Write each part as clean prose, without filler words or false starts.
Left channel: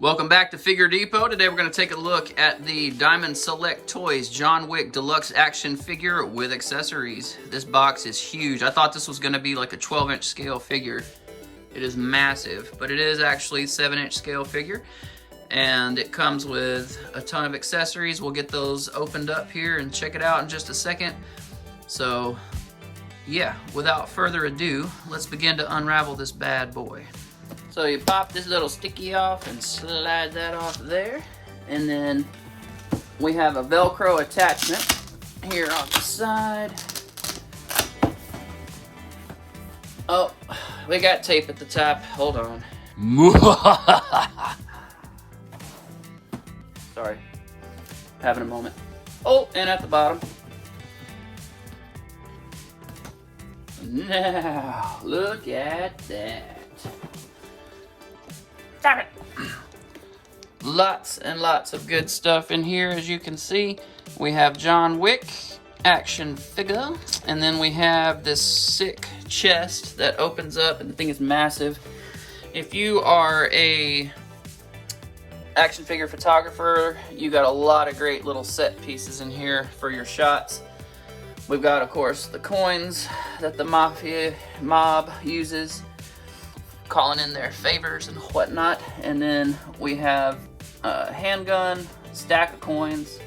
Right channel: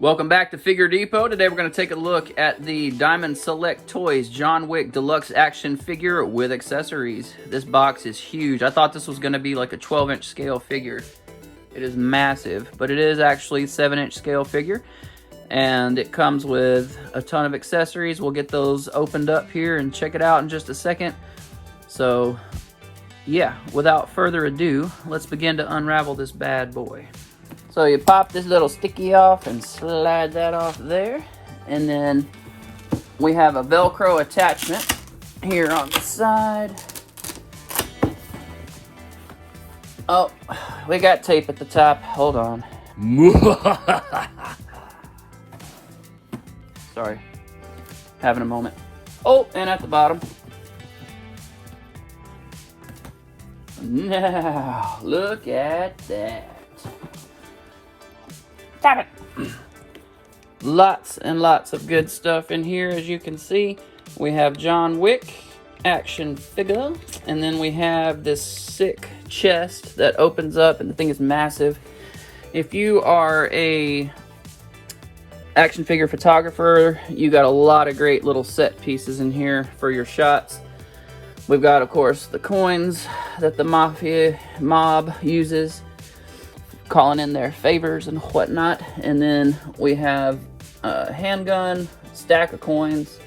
Welcome back to Figure Depot. Today we're going to take a look at the Diamond Select Toys John Wick Deluxe action figure with accessories. This box is huge. I thought this was going to be like a 12-inch scale figure. It is massive, but it is actually a 7-inch scale figure. And it comes with a ton of accessories. We'll get those opened up here and check it out in just a second. So, yeah, without further ado, let's begin to unravel this bad boy. So you pop this little sticky off and slide that off there. And then we have a Velcro attachment here on the side. Oh, we got tape at the top. Hold on. Sorry. Having a moment. Oh, and at the bottom. Now, look at that. Stop it. Lots and lots of good stuff in here. As you can see, we have John Wick action figure, and then we have this sick chest that opens up, and the thing is massive. If you are a action figure photographer, you got a lot of great little set pieces in here for your shots. We've got, of course, the coins that the mob uses, calling in their favors and whatnot. And then we have a handgun, stack of coins.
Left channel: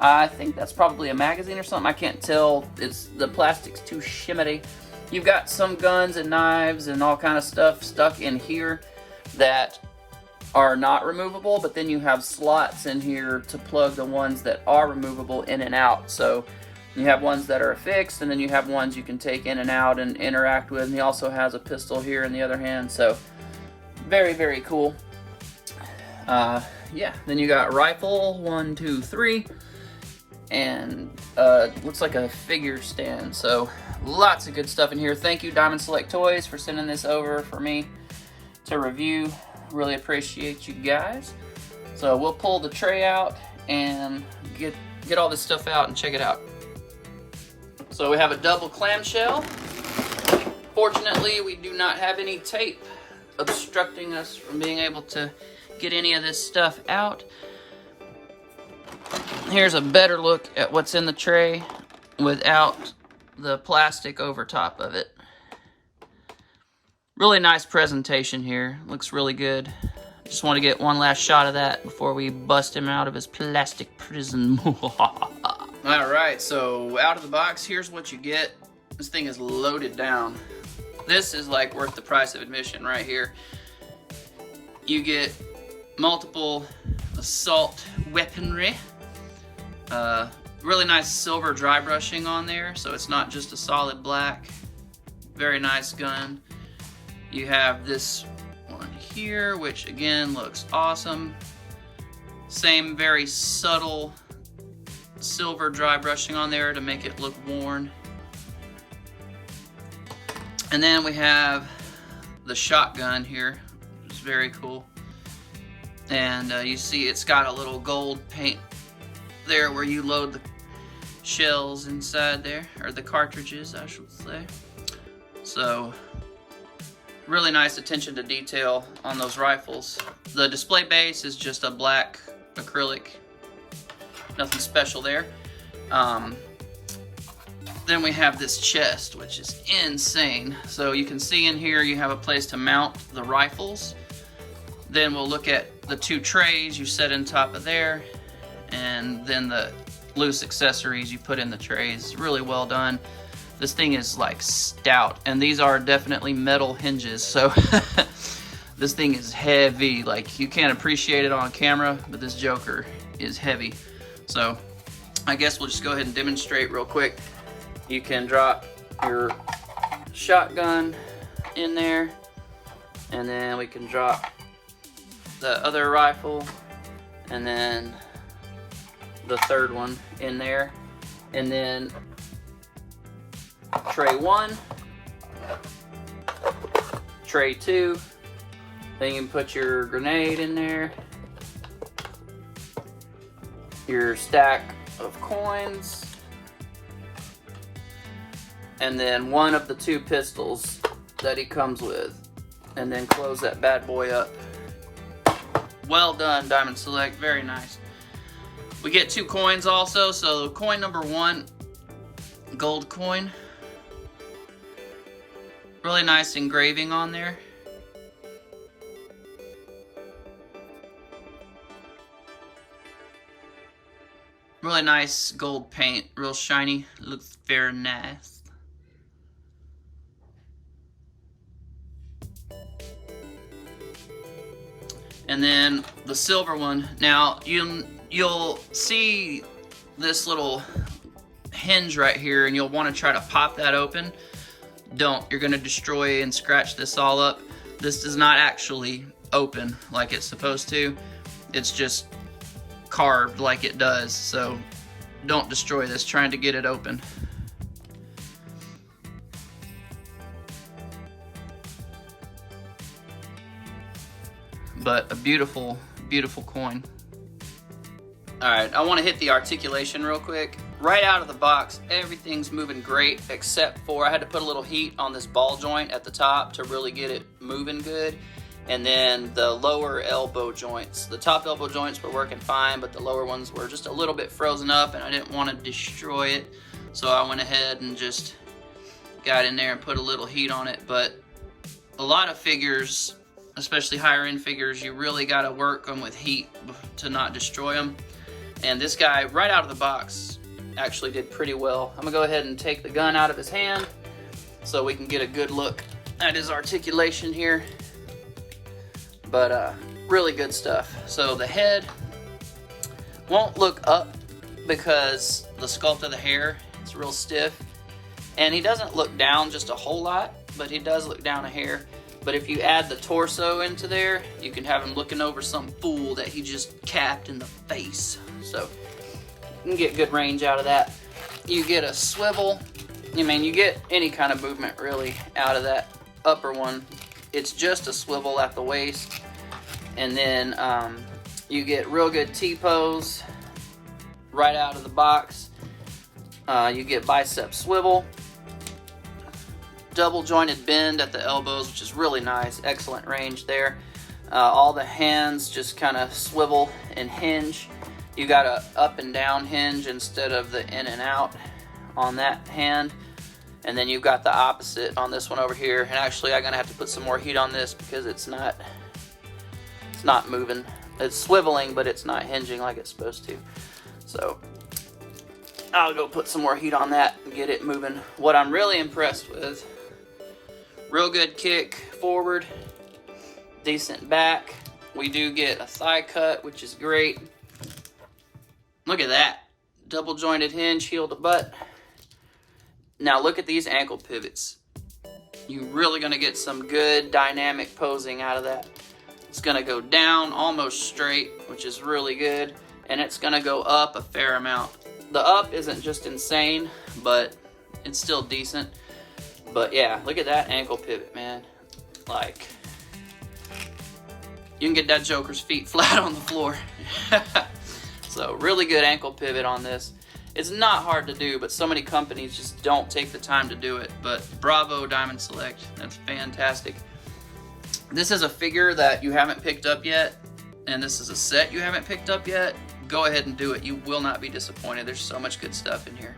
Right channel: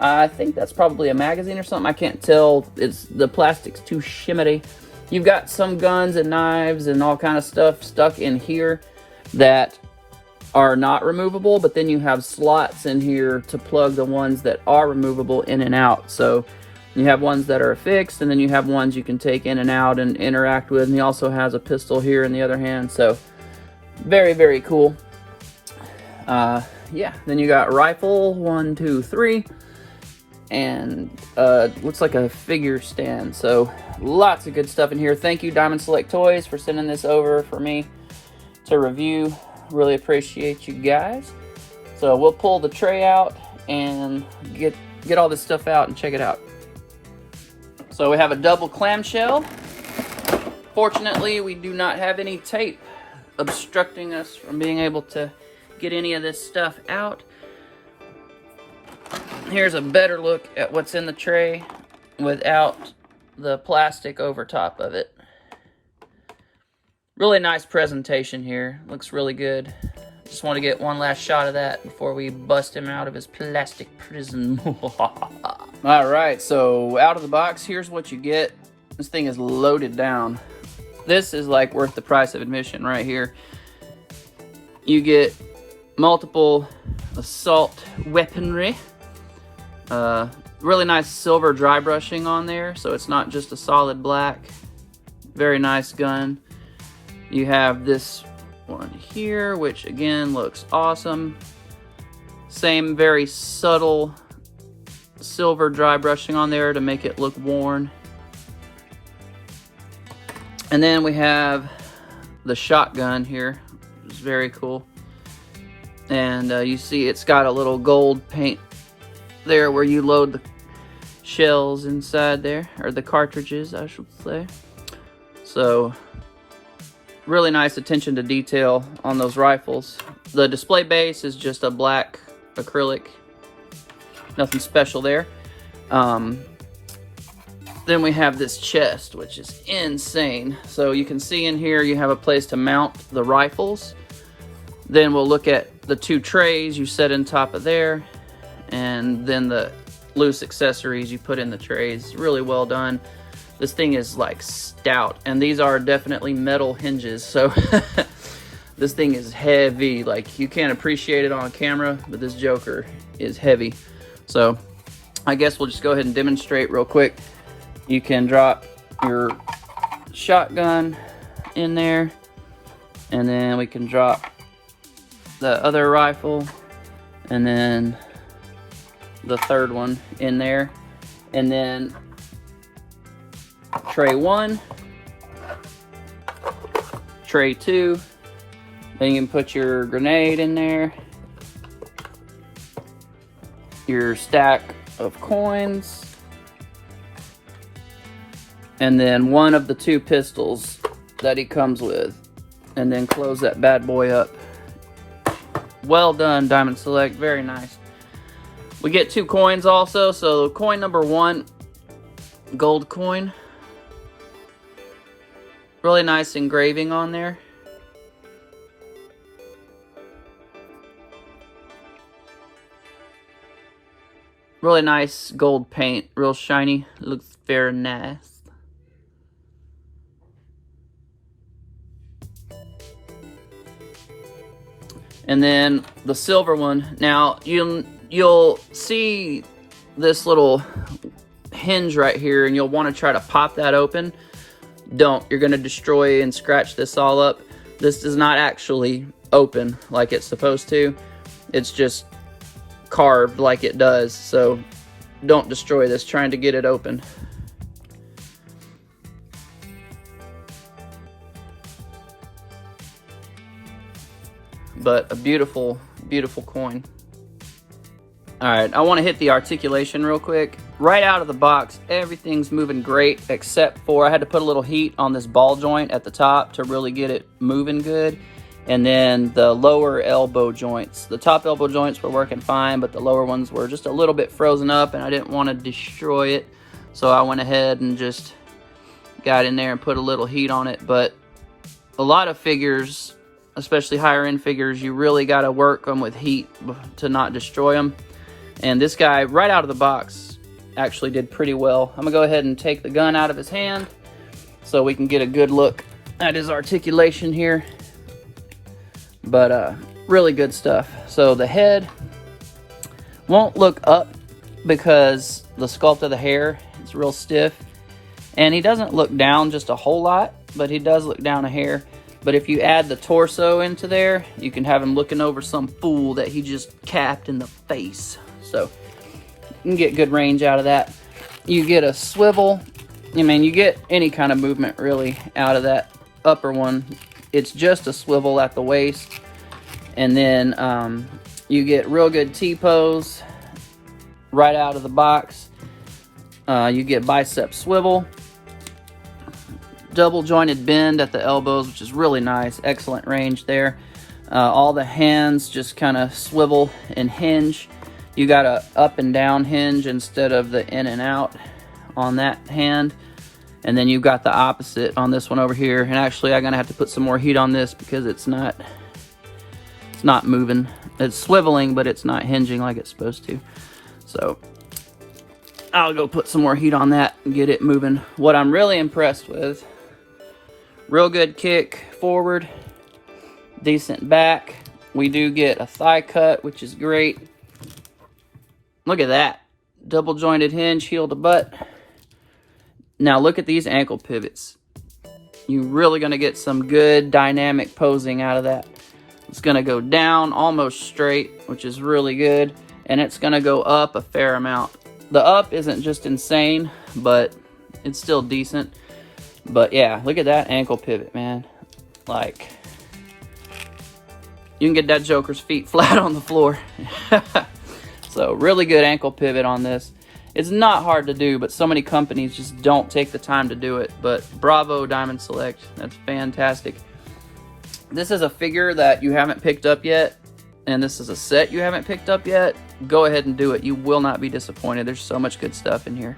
I think that's probably a magazine or something. I can't tell. The plastic's too shimmery. You've got some guns and knives and all kind of stuff stuck in here that are not removable, but then you have slots in here to plug the ones that are removable in and out. So you have ones that are fixed, and then you have ones you can take in and out and interact with. And he also has a pistol here in the other hand. So very, very cool. Yeah, then you got rifle, 1, 2, 3. And looks like a figure stand. So lots of good stuff in here. Thank you, Diamond Select Toys, for sending this over for me to review. Really appreciate you guys. So we'll pull the tray out and get all this stuff out and check it out. So we have a double clamshell. Fortunately, we do not have any tape obstructing us from being able to get any of this stuff out. Here's a better look at what's in the tray without the plastic over top of it. Really nice presentation here. Looks really good. Just want to get one last shot of that before we bust him out of his plastic prison. Alright, so out of the box, here's what you get. This thing is loaded down. This is like worth the price of admission right here. You get multiple assault weaponry. Really nice silver dry brushing on there, so it's not just a solid black. Very nice gun. You have this one here, which again looks awesome. Same very subtle silver dry brushing on there to make it look worn. And then we have the shotgun here. Very cool. And you see it's got a little gold paint there where you load the shells inside there, or the cartridges I should say. So really nice attention to detail on those rifles. The display base is just a black acrylic. Nothing special there. Then we have this chest, which is insane. So you can see in here you have a place to mount the rifles. Then we'll look at the 2 trays you set in top of there. And then the loose accessories you put in the trays. Really well done. This thing is like stout, and these are definitely metal hinges, so this thing is heavy. Like, you can't appreciate it on camera, but this joker is heavy. So I guess we'll just go ahead and demonstrate real quick. You can drop your shotgun in there, and then we can drop the other rifle, and then the third one in there, and then tray 1, tray 2, then you can put your grenade in there, your stack of coins, and then one of the 2 pistols that he comes with, and then close that bad boy up. Well done, Diamond Select. Very nice. We get 2 coins also. So coin number 1, gold coin. Really nice engraving on there. Really nice gold paint. Real shiny. Looks very nice. And then the silver one. Now you'll see this little hinge right here, and you'll want to try to pop that open. Don't. You're going to destroy and scratch this all up. This does not actually open like it's supposed to. It's just carved like it does. So don't destroy this trying to get it open. But a beautiful, beautiful coin. Alright, I want to hit the articulation real quick. Right out of the box, everything's moving great, except for I had to put a little heat on this ball joint at the top to really get it moving good. And then the lower elbow joints. The top elbow joints were working fine, but the lower ones were just a little bit frozen up, and I didn't want to destroy it. So I went ahead and just got in there and put a little heat on it. But a lot of figures, especially higher end figures, you really got to work them with heat to not destroy them. And this guy, right out of the box, actually did pretty well. I'm gonna go ahead and take the gun out of his hand so we can get a good look at his articulation here. But really good stuff. So the head won't look up because the sculpt of the hair is real stiff. And he doesn't look down just a whole lot, but he does look down a hair. But if you add the torso into there, you can have him looking over some fool that he just capped in the face. So you can get good range out of that. You get a swivel. I mean, you get any kind of movement really out of that upper one. It's just a swivel at the waist. And then you get real good T-pose right out of the box. You get bicep swivel. Double jointed bend at the elbows, which is really nice. Excellent range there. All the hands just kind of swivel and hinge. You got a up and down hinge instead of the in and out on that hand. And then you've got the opposite on this one over here. And actually I'm gonna have to put some more heat on this because it's not moving. It's swiveling, but it's not hinging like it's supposed to. So I'll go put some more heat on that and get it moving. What I'm really impressed with, real good kick forward, decent back. We do get a thigh cut, which is great. Look at that. Double jointed hinge, heel to butt. Now look at these ankle pivots. You're really gonna get some good dynamic posing out of that. It's gonna go down almost straight, which is really good. And it's gonna go up a fair amount. The up isn't just insane, but it's still decent. But yeah, look at that ankle pivot, man. Like, you can get that joker's feet flat on the floor. So really good ankle pivot on this. It's not hard to do, but so many companies just don't take the time to do it. But bravo, Diamond Select. That's fantastic. This is a figure that you haven't picked up yet, and this is a set you haven't picked up yet. Go ahead and do it. You will not be disappointed. There's so much good stuff in here.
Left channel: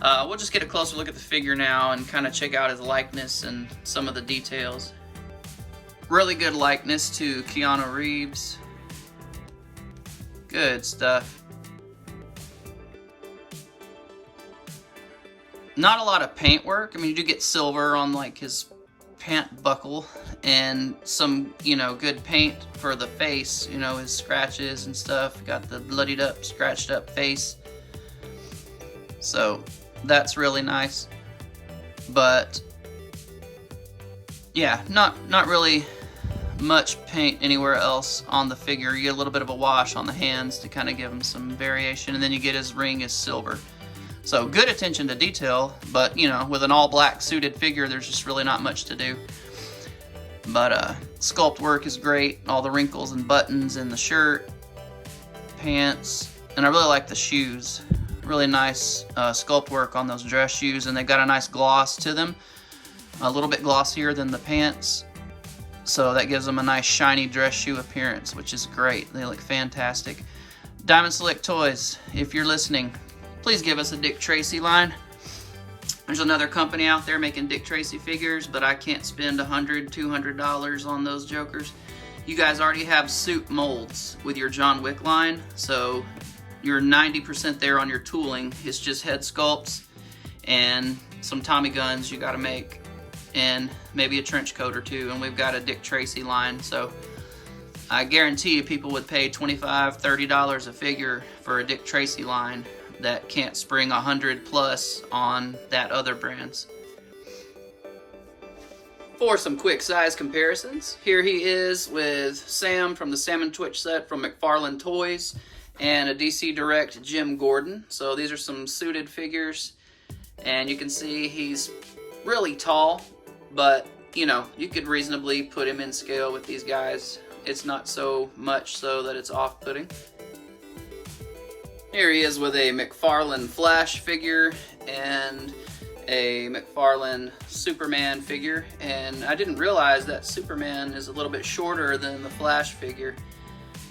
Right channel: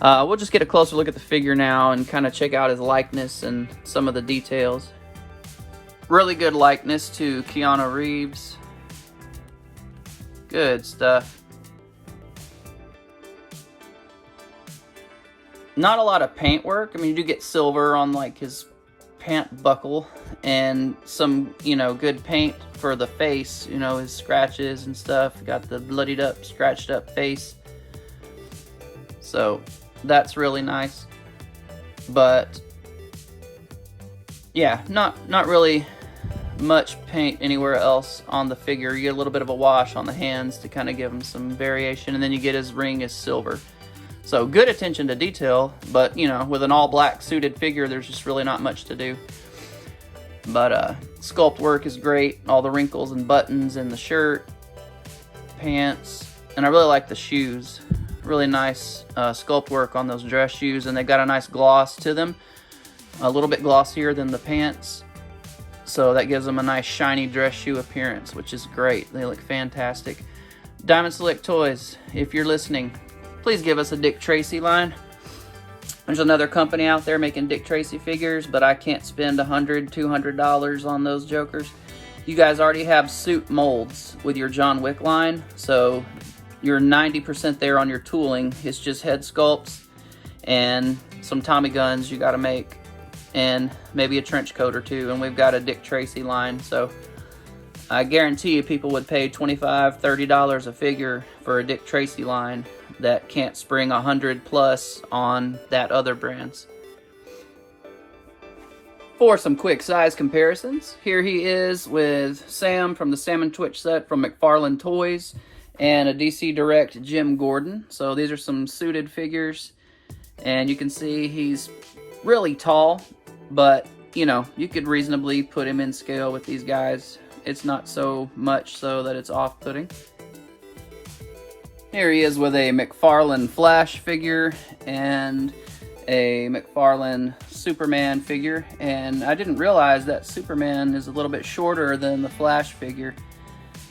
We'll just get a closer look at the figure now and kind of check out his likeness and some of the details. Really good likeness to Keanu Reeves. Good stuff. Not a lot of paint work. I mean, you do get silver on like his pant buckle and some, good paint for the face, his scratches and stuff. Got the bloodied up, scratched up face. So that's really nice. But yeah, not really much paint anywhere else on the figure. You get a little bit of a wash on the hands to kind of give him some variation, and then you get his ring is silver. So good attention to detail, but with an all black suited figure, there's just really not much to do. But sculpt work is great. All the wrinkles and buttons in the shirt, pants, and I really like the shoes. Really nice sculpt work on those dress shoes, and they got a nice gloss to them. A little bit glossier than the pants. So that gives them a nice shiny dress shoe appearance, which is great. They look fantastic. Diamond Select Toys, if you're listening, please give us a Dick Tracy line. There's another company out there making Dick Tracy figures, but I can't spend $100, $200 on those jokers. You guys already have suit molds with your John Wick line, so you're 90% there on your tooling. It's just head sculpts and some Tommy guns you gotta make, and maybe a trench coat or two, and we've got a Dick Tracy line, so I guarantee you people would pay $25, $30 a figure for a Dick Tracy line that can't spring 100 plus on that other brands. For some quick size comparisons, here he is with Sam from the Salmon Twitch set from McFarlane Toys and a DC Direct Jim Gordon. So these are some suited figures, and you can see he's really tall, but you know, you could reasonably put him in scale with these guys. It's not so much so that it's off-putting. Here he is with a McFarlane Flash figure and a McFarlane Superman figure, and I didn't realize that Superman is a little bit shorter than the Flash figure.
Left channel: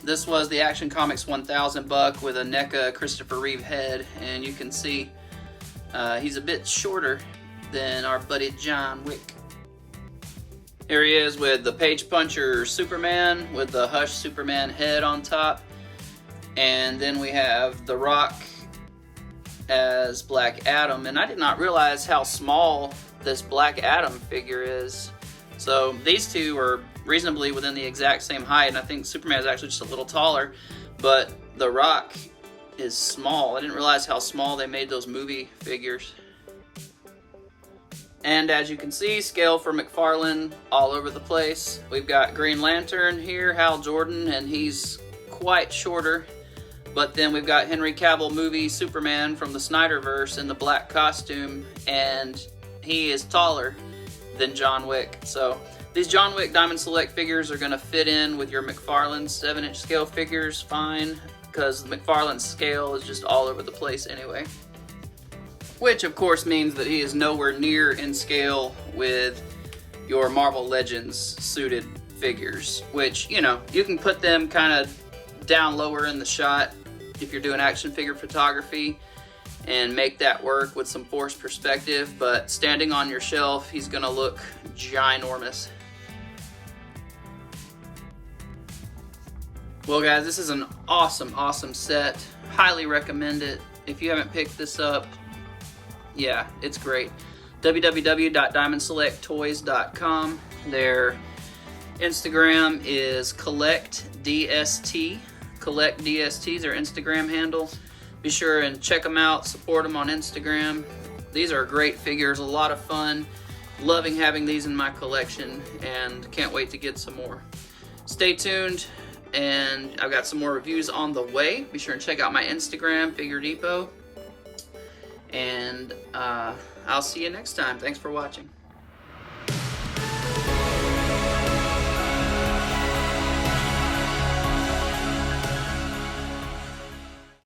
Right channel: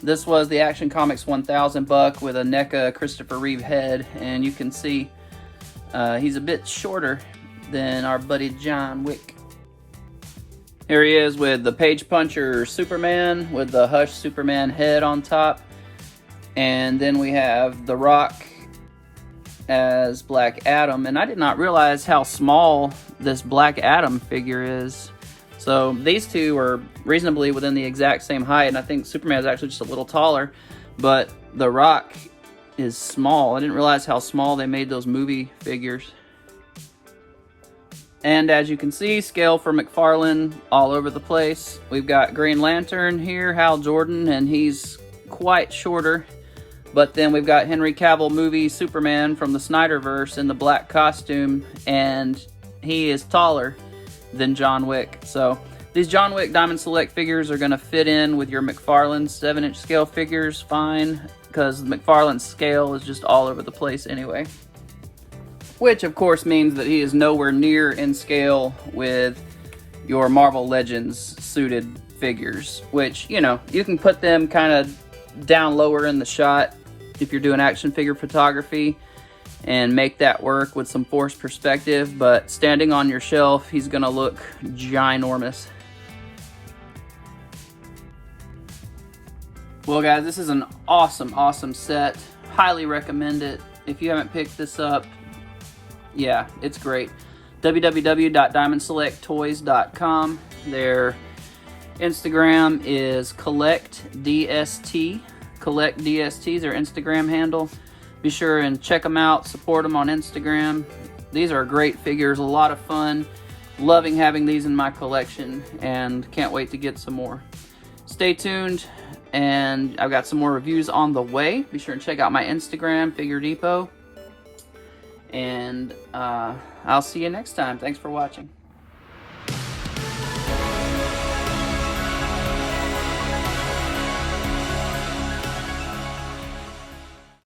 This was the Action Comics 1000 buck with a NECA Christopher Reeve head, and you can see he's a bit shorter than our buddy John Wick. Here he is with the Page Puncher Superman with the Hush Superman head on top, and then we have The Rock as Black Adam, and I did not realize how small this Black Adam figure is. So these two are reasonably within the exact same height, and I think Superman is actually just a little taller, but The Rock is small. I didn't realize how small they made those movie figures. And as you can see, scale for McFarlane all over the place. We've got Green Lantern here, Hal Jordan, and he's quite shorter. But then we've got Henry Cavill movie Superman from the Snyderverse in the black costume, and he is taller than John Wick. So these John Wick Diamond Select figures are going to fit in with your McFarlane 7-inch scale figures fine, because the McFarlane scale is just all over the place anyway. Which of course means that he is nowhere near in scale with your Marvel Legends suited figures, which, you know, you can put them kind of down lower in the shot if you're doing action figure photography and make that work with some forced perspective, but standing on your shelf, he's gonna look ginormous. Well guys, this is an awesome set. Highly recommend it. If you haven't picked this up, yeah, it's great. www.diamondselecttoys.com. Their Instagram is collectdst. CollectDST is their Instagram handle. Be sure and check them out, support them on Instagram. These are great figures, a lot of fun. Loving having these in my collection, and can't wait to get some more. Stay tuned, and I've got some more reviews on the way. Be sure and check out my Instagram, Figure Depot. And I'll see you next time. Thanks for watching.